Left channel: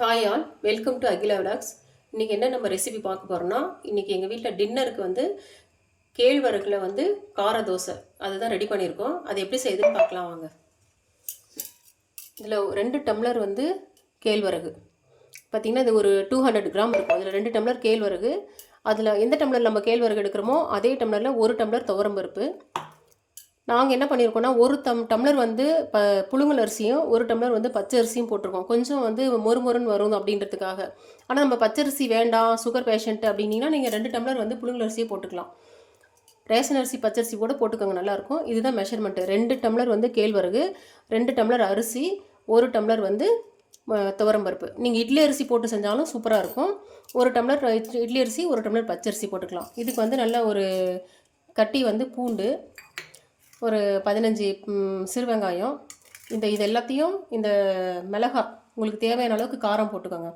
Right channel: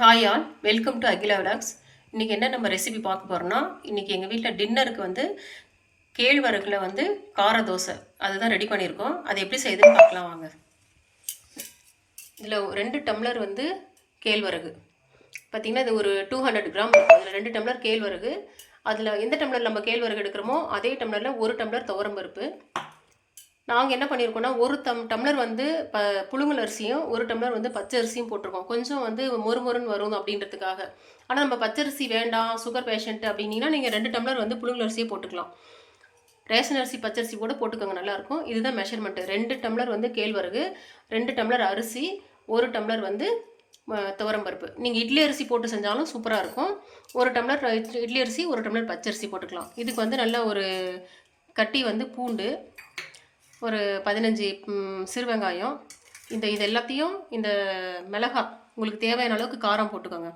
Hi all welcome to Akila vlogs இன்றைக்கி என்ன நம்ம ரெசிபி பார்க்க போகிறோம்னா இன்றைக்கி எங்கள் வீட்டில் டின்னருக்கு வந்து கேழ்வரகுல வந்து கார தோசை. அதுதான் ரெடி பண்ணியிருக்கோம். அது எப்படி செய்யுதுன்னு பார்க்கலாம் வாங்க. இதில் ரெண்டு டம்ளர் வந்து கேழ்வரகு. பார்த்திங்கன்னா இது ஒரு டூ ஹண்ட்ரட் கிராம் இருக்கும். அதில் ரெண்டு டம்ளர் கேழ்வரகு. அதில் எந்த டம்ளர் நம்ம கேழ்வரகு எடுக்கிறோமோ அதே டம்ளரில் ஒரு டம்ளர் துவரம்பருப்பு நாங்கள் என்ன பண்ணியிருக்கோம்னா ஒரு டம் டம்ளர் வந்து ப புழுங்கல் அரிசியும் ஒரு டம்ளர் வந்து பச்சை அரிசியும் போட்டிருக்கோம். கொஞ்சம் வந்து மொறு மொறுன்னு வரும் அப்படின்றதுக்காக. ஆனால் நம்ம பச்சரிசி வேண்டாம் சுகர் பேஷண்ட் அப்படின்னீங்கன்னா நீங்கள் ரெண்டு டம்ளர் வந்து புழுங்கல் அரிசியை போட்டுக்கலாம். ரேஷன் அரிசி பச்சரிசி கூட போட்டுக்கோங்க நல்லாயிருக்கும். இதுதான் மெஷர்மெண்ட்டு ரெண்டு டம்ளர் வந்து கேழ்வரகு ரெண்டு டம்ளர் அரிசி ஒரு டம்ளர் வந்து துவரம் துவரம்பருப்பு நீங்கள் இட்லி அரிசி போட்டு செஞ்சாலும் சூப்பராக இருக்கும். ஒரு டம்ளர் இட்லி இட்லி அரிசி ஒரு டம்ளர் பச்சரிசி போட்டுக்கலாம். இதுக்கு வந்து நல்ல ஒரு கட்டி வந்து பூண்டு ஒரு பதினஞ்சு சிறு வெங்காயம். இந்த இது எல்லாத்தையும் இந்த மிளகா உங்களுக்கு தேவையான அளவுக்கு காரம் போட்டுக்கோங்க.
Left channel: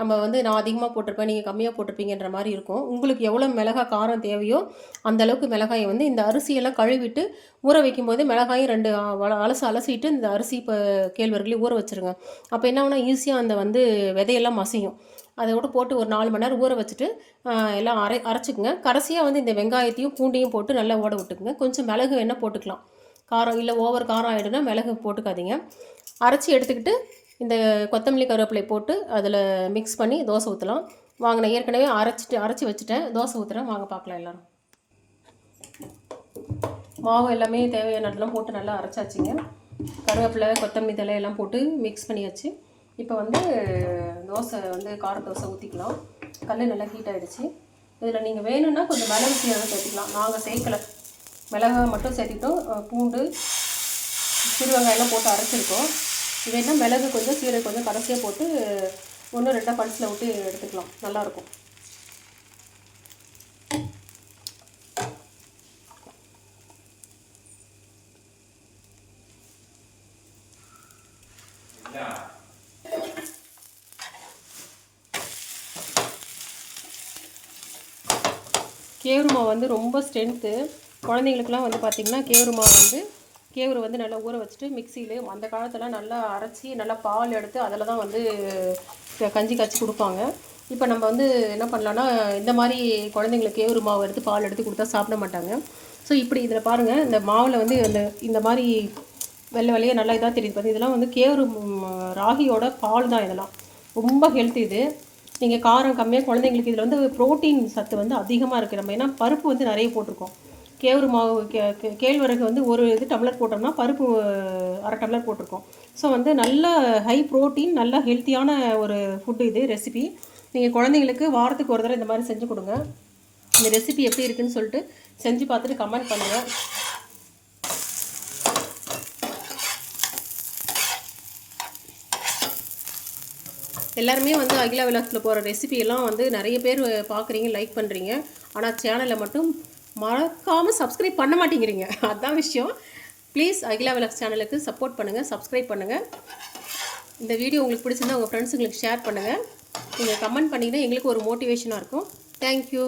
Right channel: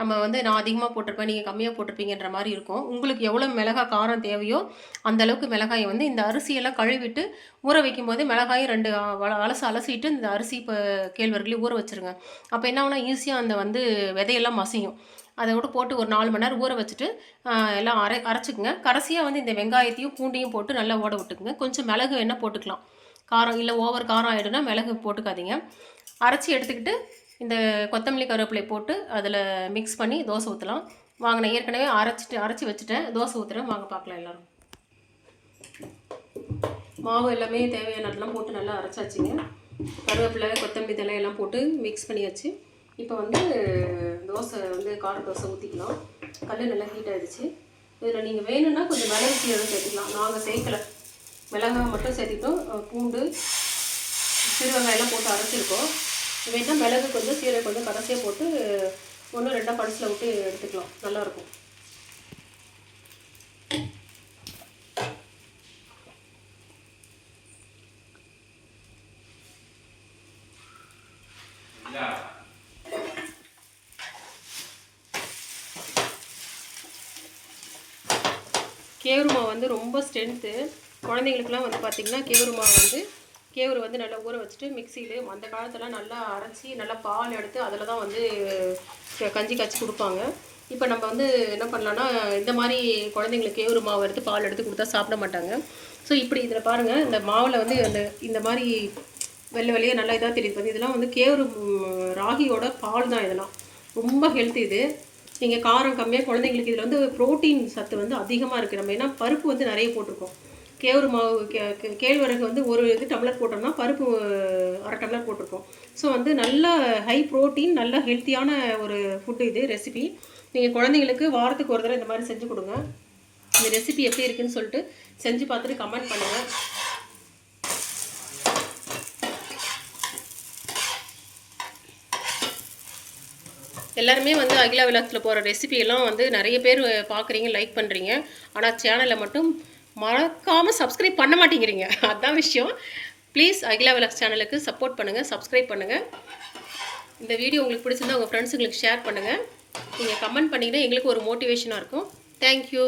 நம்ம வந்து நான் அதிகமாக போட்டிருப்பேன் நீங்கள் கம்மியாக போட்டிருப்பீங்கன்ற மாதிரி இருக்கும். உங்களுக்கு எவ்வளோ மிளகா காரம் தேவையோ அந்த அளவுக்கு மிளகாயை வந்து இந்த அரிசியெல்லாம் கழுவிட்டு ஊற வைக்கும்போது மிளகாயும் ரெண்டு அலசு அலசிட்டு இந்த அரிசி இப்போ கேழ்வர்களையும் ஊற வச்சுருங்க. அப்போ என்ன ஆகுனா ஈஸியாக அந்த வந்து விதையெல்லாம் மசியும். அதை விட போட்டு ஒரு நாலு மணி நேரம் ஊற வச்சுட்டு எல்லாம் அரை அரைச்சிக்குங்க. கடைசியாக வந்து இந்த வெங்காயத்தையும் பூண்டையும் போட்டு நல்லா ஓட விட்டுக்குங்க. கொஞ்சம் மிளகு வேணால் போட்டுக்கலாம். காரம் இல்லை ஓவர் காரம் ஆகிடும்னா மிளகு போட்டுக்காதீங்க. அரைச்சி எடுத்துக்கிட்டு இந்த கொத்தமல்லி கருவேப்பிலை போட்டு அதில் மிக்ஸ் பண்ணி தோசை ஊற்றலாம் வாங்க நான் ஏற்கனவே அரைச்சிட்டு அரைச்சி வச்சுட்டேன். தோசை ஊற்றுறேன் வாங்க பார்க்கலாம் எல்லோரும். மாவு எல்லாமே தேவையானதெல்லாம் போட்டு நல்லா அரைச்சாச்சுங்க. கருவேப்பிலை கொத்தமல்லி தழை எல்லாம் போட்டு மிக்ஸ் பண்ணியாச்சு. இப்போ வந்து தோசை வந்து கார தோசை ஊற்றிக்கலாம் கல் நல்லா ஹீட் ஆகிடுச்சு இதில் நீங்கள் வேணும்னா கொஞ்சம் மிளகு சீரகம் சேர்த்துக்கலாம். நாங்கள் சேர்க்கலை. மிளகாய் மட்டும் சேர்த்திட்டோம். பூண்டு சிறு வெங்காயம்லாம் போட்டு அரைச்சிருக்கோம். வேணா மிளகு கொஞ்சம் சீரகம் கொஞ்சம் கடைசியாக போட்டு ஒன்று ரெண்டாக படத்தில் விட்டு எடுத்துக்கலாம். நல்லாயிருக்கும் Yeah. மாவு வந்து ரொம்ப ஸ்ட்ரென்த்து குழந்தைங்களுக்குலாம் வந்து பார்த்திங்கன்னா கேவுரு மாவு வந்து கேவுரு வந்து நல்லா ஊற வச்சுட்டு மிக்சியில் அந்த காலத்தில் நல்லா அரைச்சி நல்லா பால் எடுத்து அதில் தான் வந்து கஞ்சி காய்ச்சி கொடுப்பாங்க. இப்போ நம்ம வந்து என்ன பண்ணலான்னா இந்த மாதிரி குழந்தைங்களுக்கு கேவுரு மாவு எடுத்து பால் எடுத்து கொடுத்தா சாப்பிட மாட்டாங்க. ஸோ இப்படி இதில் பாருங்கள் இந்த மாவில் வந்து இந்த இந்த மாதிரி வெள்ளை வெள்ளையே நல்லா இதாக தெரியுது பார்த்து இதெல்லாம் வந்து கேவுரு ராகியோட பால் தான் இதெல்லாம். ரொம்ப ஹெல்த் இது. நீங்கள் காரம் கம்மியாக குழந்தைங்களுக்கு இதில் வந்து புரோட்டீன் சத்து வந்து அதிகமாக இருக்குது நம்ம ஏன்னா பருப்பு வந்து நிறைய போட்டிருக்கோம். கேவுரு மாவு கே கேழ்வரகு வந்து ஒரு இது டம்ளர் போட்டோம்னா பருப்பு அரை டம்ளர் போட்டிருக்கோம். ஸோ வந்து நல்ல ஹை ப்ரோட்டீன் நல்ல ஹெல்த்தியான ஒரு ஃபுட்டு இது ரெசிபி நீங்கள் குழந்தைங்களுக்கு வாரத்துக்கு ஒரு தடவை இந்த மாதிரி செஞ்சு கொடுங்க. இந்த ரெசிபி எப்படி இருக்குன்னு சொல்லிட்டு செஞ்சு பார்த்துட்டு கமெண்ட் பண்ணுங்கள் எல்லாருமே வந்து அகிலா விலாஸில் போகிற ரெசிபியெல்லாம் வந்து நிறைய பேர் பார்க்குறீங்க லைக் பண்ணுறீங்க ஆனால் சேனலை மட்டும் மறக்காமல் சப்ஸ்கிரைப் பண்ண மாட்டேங்கிறீங்க. அதுதான் விஷயம். ப்ளீஸ் அகிலா விலாஸ் சேனலுக்கு சப்போர்ட் பண்ணுங்கள் சப்ஸ்கிரைப் பண்ணுங்கள் இந்த வீடியோ உங்களுக்கு பிடிச்சிருந்தா உங்கள் ஃப்ரெண்ட்ஸுங்களுக்கு ஷேர் பண்ணுங்கள் நீங்கள் கமெண்ட் பண்ணிங்கன்னா எங்களுக்கு ஒரு மோட்டிவேஷனாக இருக்கும். தேங்க்யூ